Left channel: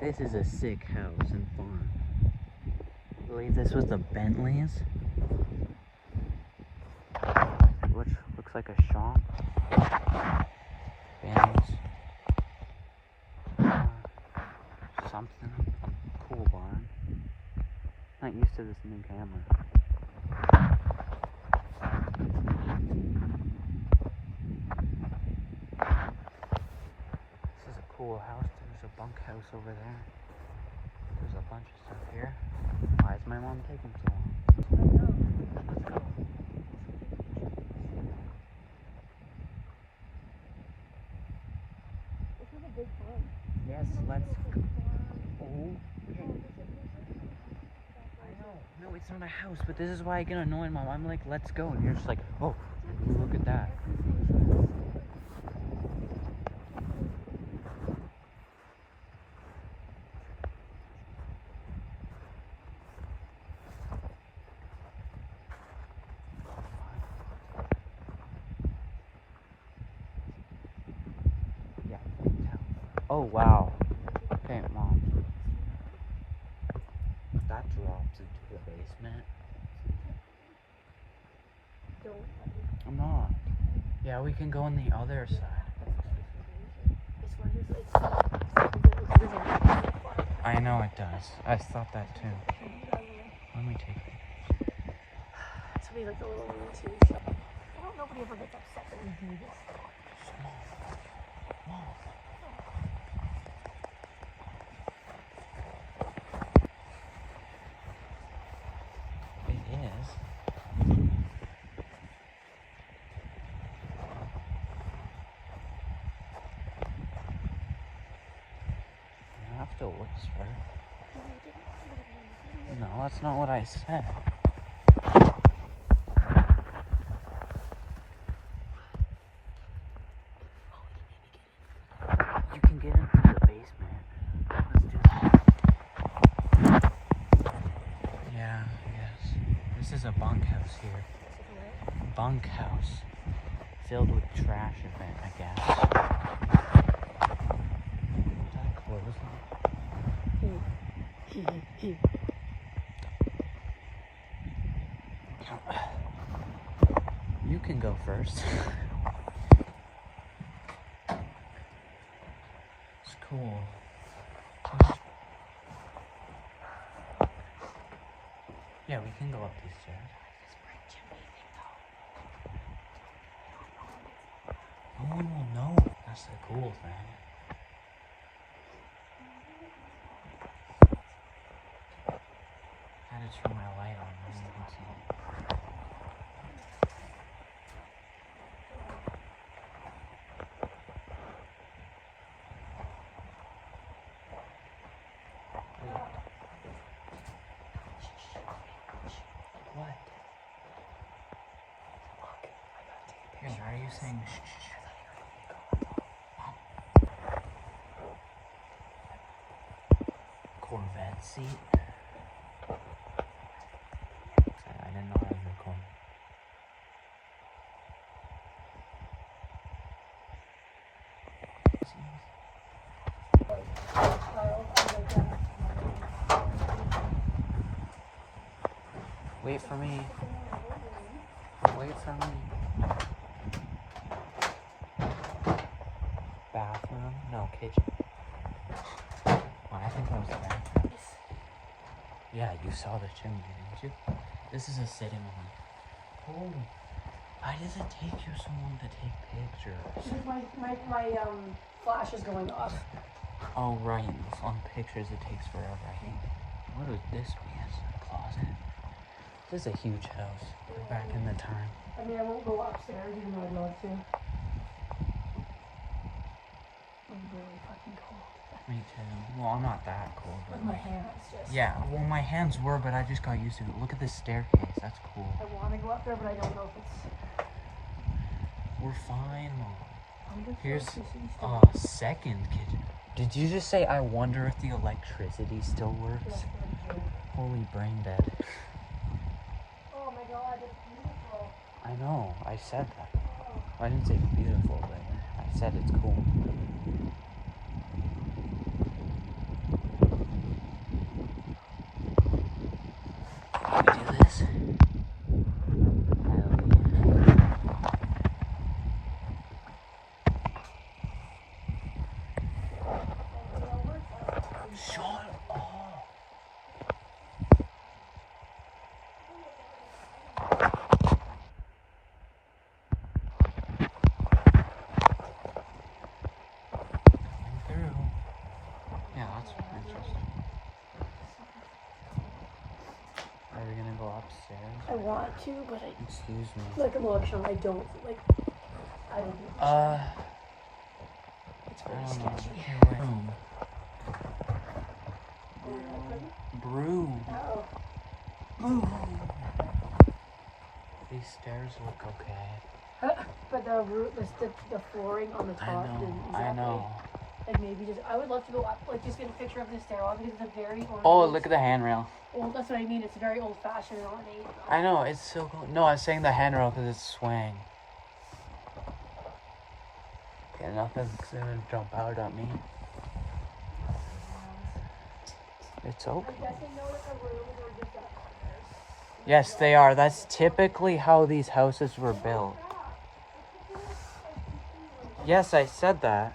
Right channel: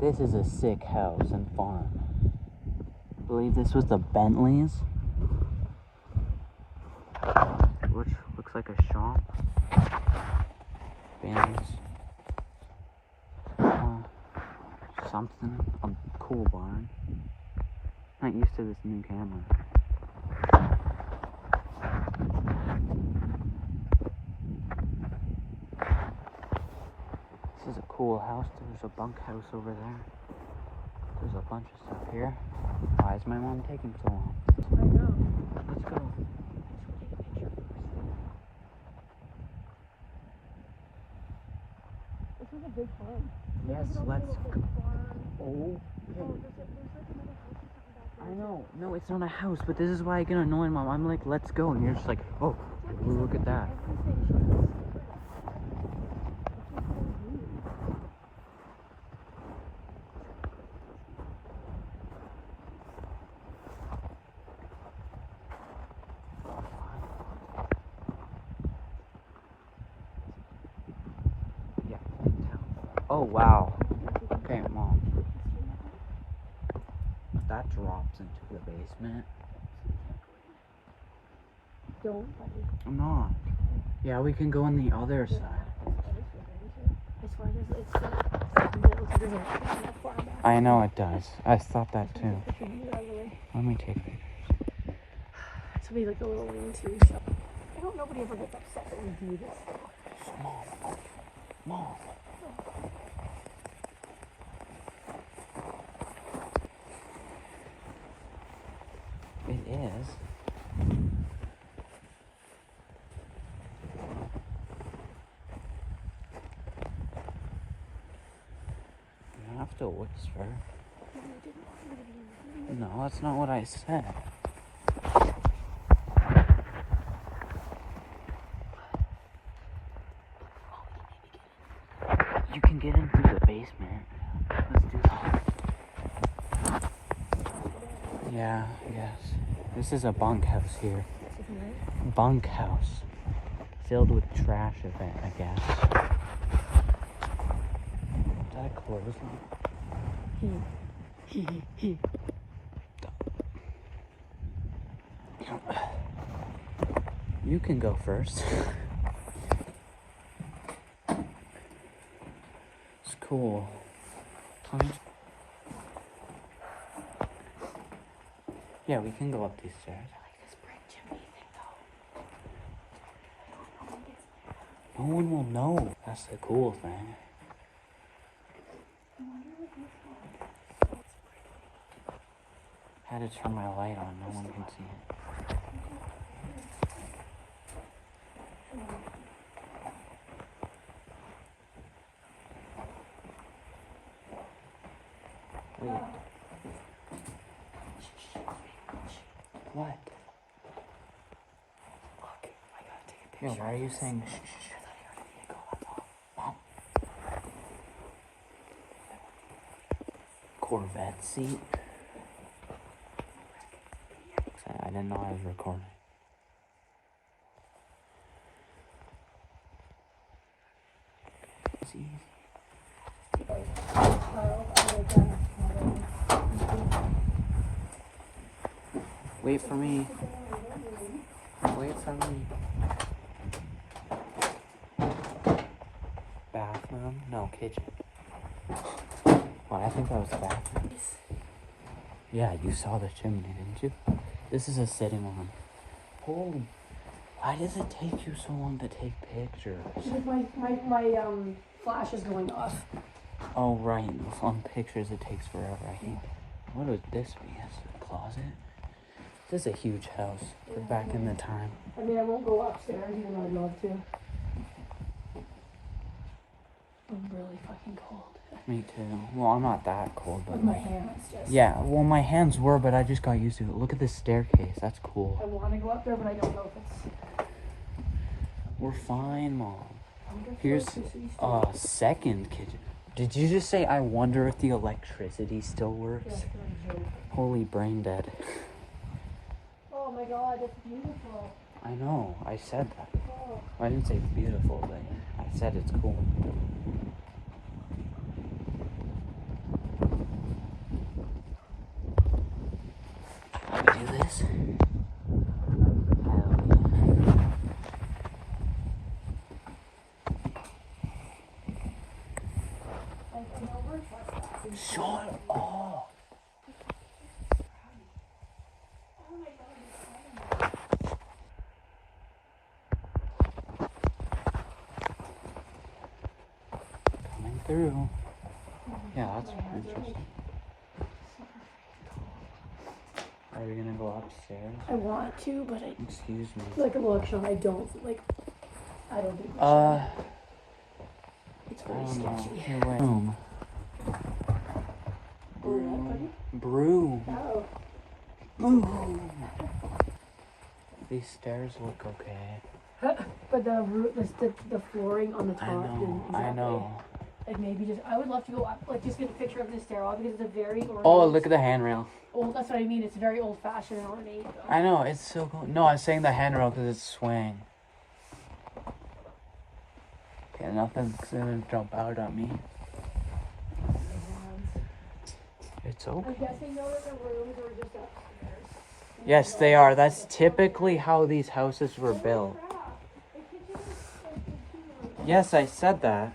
This is a sick house and farm. I believe this was the Bentleys, which looks like a shop. Families. Something. A cool barn. Not used to this new camera. This is a cool house. There's a bunkhouse over there. There's a bunch of stuff here. Why is my mom taking so long? Let's go. This is a big farm. Yes, let's. Oh, okay. I know. No, it's not a house, but this is why I get annoyed, Mom. I'm like, let's go. And you're just like, oh, look at that. Oh, wow. Okay, Mom. That drops into the basement. Don't. No. Yeah, we can go on the other side. As far as it's far back. I know it does. I thought that too. Let me take it. It's gonna be like a little lean-to, so I don't know if nobody ever gets upset when we do this. Mom. It is. You have to whisper. No, that's not what I said. You can get in through the basement. Let's do that. Yeah, I guess. This is a bunkhouse here. Bunkhouse. Filled with trash, I guess. Is that a clothesline? You can go first. It's cool. Yeah, we can go up these stairs. No one will know. That's the cool thing. I had to turn my light on. No one can see it. Wait. What? Yeah, why are you saying shh? Corvette seat? Sorry, I didn't know I was recording. Wait for me. Wait for me. Bathroom? No, kitchen. Well, I think that was the bathroom. Yeah, you saw the chimney, didn't you? This is a sitting room. Holy. Why does it take you so long to take pictures? Because my flash is going off. Oh, right. Some pictures it takes forever. What would this be? It's a closet? This is a huge house. We're back in the time. I mean, I won't go upstairs even though I'd love to. I'm really fucking cold. Me too. Well, I'm not that cold, but my hands just... Yeah, well, my hands were, but I just got used to it. Look at this staircase. That's cool. I want to go up there, but I don't know if it's... We're fine, Mom. Here's a second kitchen. Did you just say, I wonder if the electricity still works? Yeah, Holy brain dead. oh my god, it's beautiful. I know, I said that. Oh. I didn't say beautiful, but I said it's cool. Shut up. Coming through. Yeah, that's interesting. Are we gonna go upstairs? I want to, but I. Excuse me. Like, look, Sean, I don't think it's I very don't know. sketchy. Here, wait. Broom. Oh. Broom. These stairs look okay. But the flooring on the top. I know. Like maybe just, I would love to go up, like just get a picture of the stairwell because it's a very ornate. Oh, look at the handrail. Old, that's what I mean. It's very old fashioned and ornate. I know, it's so cool. No, I was saying the handrail because it's swaying. Okay, nothing's gonna jump out at me. It's okay. I'm guessing those are rooms or just upstairs. Yes, they are. That's typically how these houses were built. Yes, I said that.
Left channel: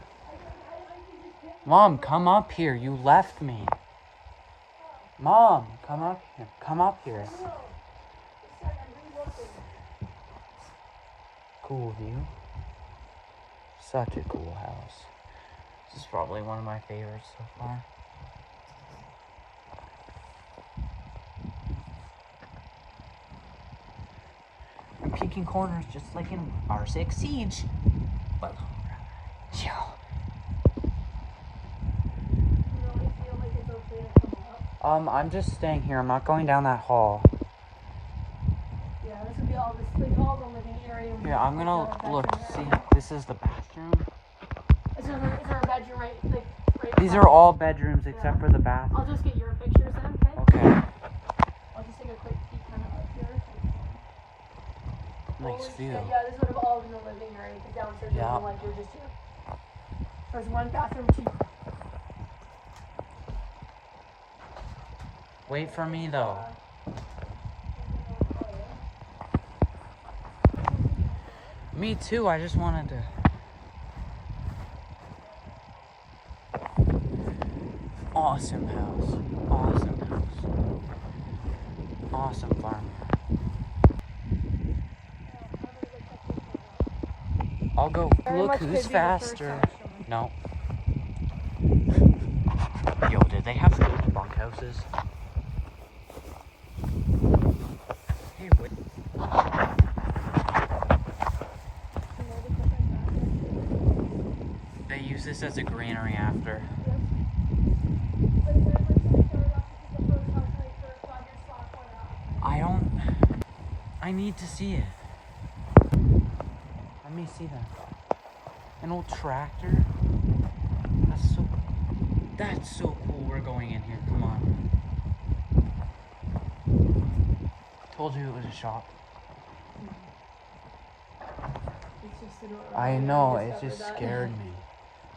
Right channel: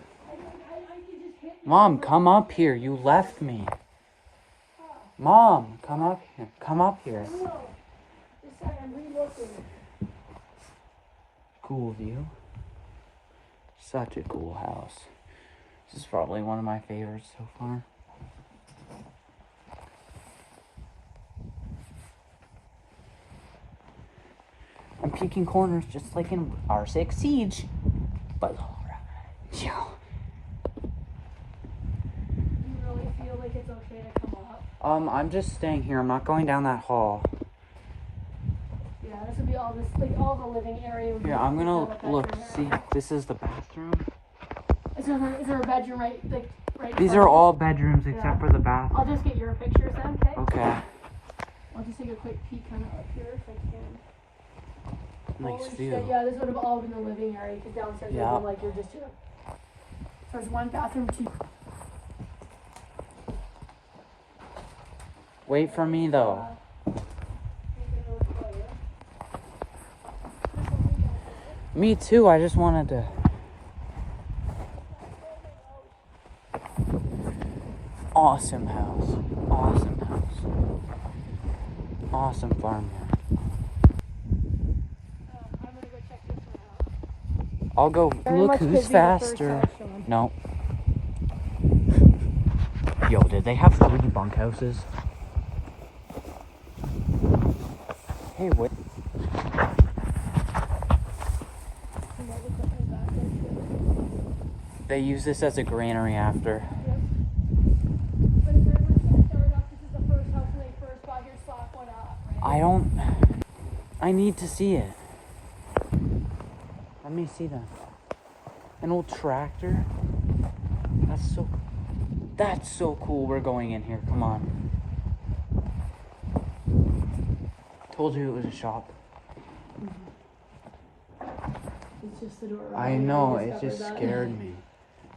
Mom, come up here. You left me. Mom, come up here. Come up here. Cool view. Such a cool house. This is probably one of my favorites so far. I'm peeking corners just like in R6 Siege. But yeah. Feel like it's okay to come up. I'm just staying here. I'm not going down that hall. Yeah, this would be all this, like all the living area. Here, I'm gonna look. See, this is the bathroom. Is there a bedroom right These are all bedrooms except for the bathroom. I'll just get your pictures then, okay? Okay. I'll just take a quick peek kind of up here if I can. Nice view. Yeah, this would have all been the living area. The downstairs would have been like you're just here. There's one bathroom, two. Wait for me though. Me too, I just wanted to. Awesome house. Awesome house. Awesome farm here. I'll go. Look who's faster. No. Yo, did they have 3 bunkhouses? Hey, wait. They use this as a granary after. I need to see it. Let me see that. An old tractor? That's so cool. We're going in here. Come on. Told you it was a shop. I know, it just scared me.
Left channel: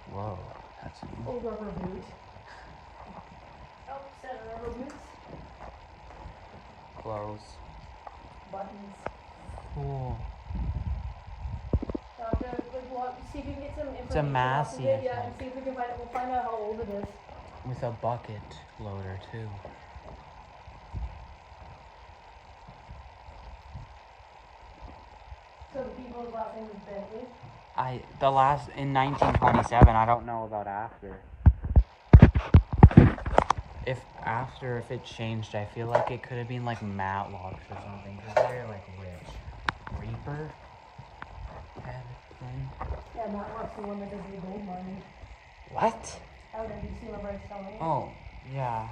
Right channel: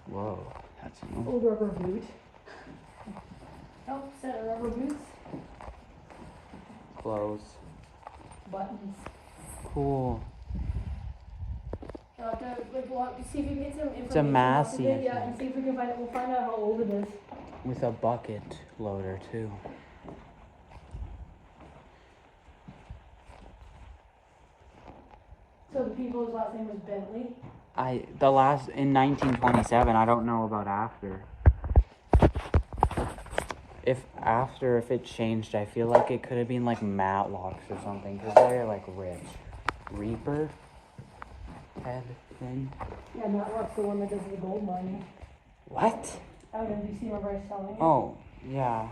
Whoa, that's new. Old rubber boot. Oh, set of rubber boots. Clothes. Buttons. Cool. See if we can get some information. It's a Massey. Yeah, and see if we can find out how old it is. With a bucket loader too. So the people's last name was Bentley? In 1927, I don't know about after. If it changed, I feel like it could have been like Matlocks or something, because they're like rich. Reaper head thing. Yeah, Matlock's the one that does the gold mining. What? Oh, did you see where I saw it? Oh, yeah.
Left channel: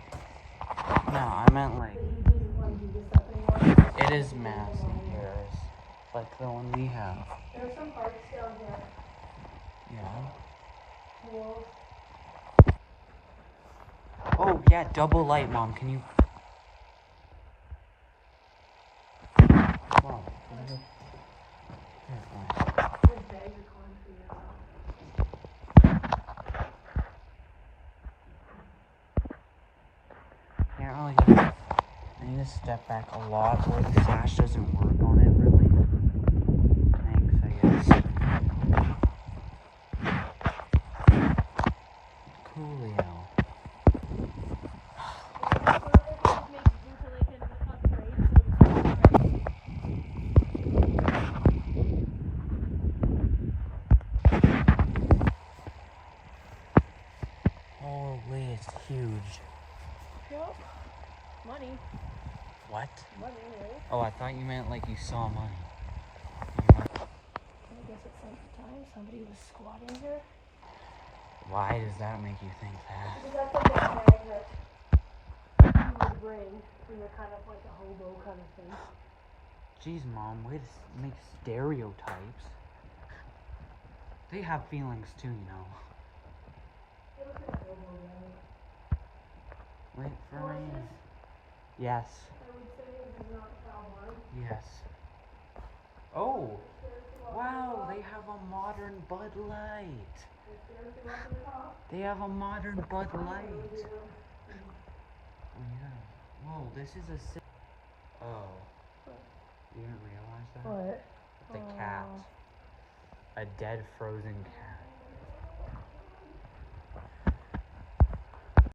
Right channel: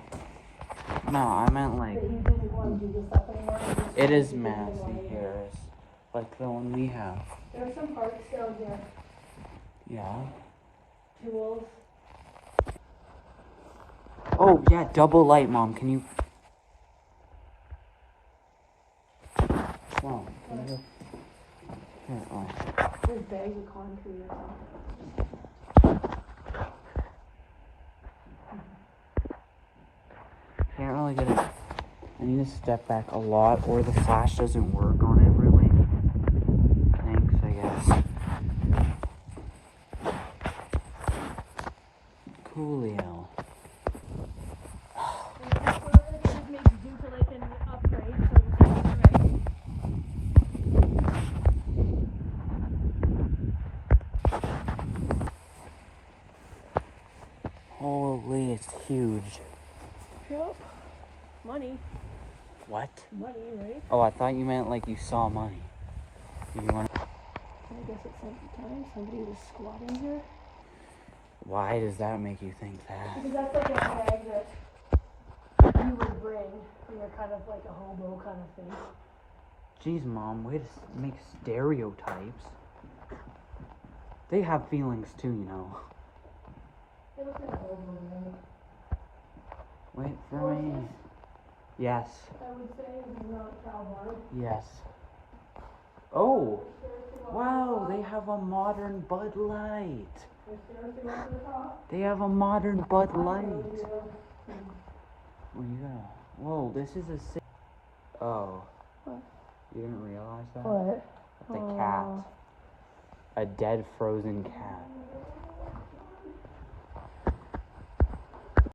No, I meant like, But he didn't want to do this stuff anymore. it is Massey Harris. Like the one we have. There's some parts down here. Yeah. Tools. Oh, yeah, double light, Mom. Can you... Mom, can you... Here, oh. There's bags of concrete. Can't really get it. I need to step back a lot, or the flash doesn't work on it really. Thanks, I guess. Coolio. Holy, it's huge. Well, money. What? Money, right? Oh, I thought you meant like you saw money. You want? I guess it's somebody was squatting here. Why does that make you think that? Because that's like a tag that you would bring. You know, kind of like a hobo kind of thing. Jeez, Mom, way to make stereotypes. They have feelings too, you know. It looks like a hobo, right? Wait for me. Yes. I would say it's not a cowboy. Yes. Oh! Wow, they have a modern Bud Light. They have a modern Bud Light. What do you got? Whoa, this is a sick. Oh. You didn't realize that? What? It's a cat. A dead frozen cat.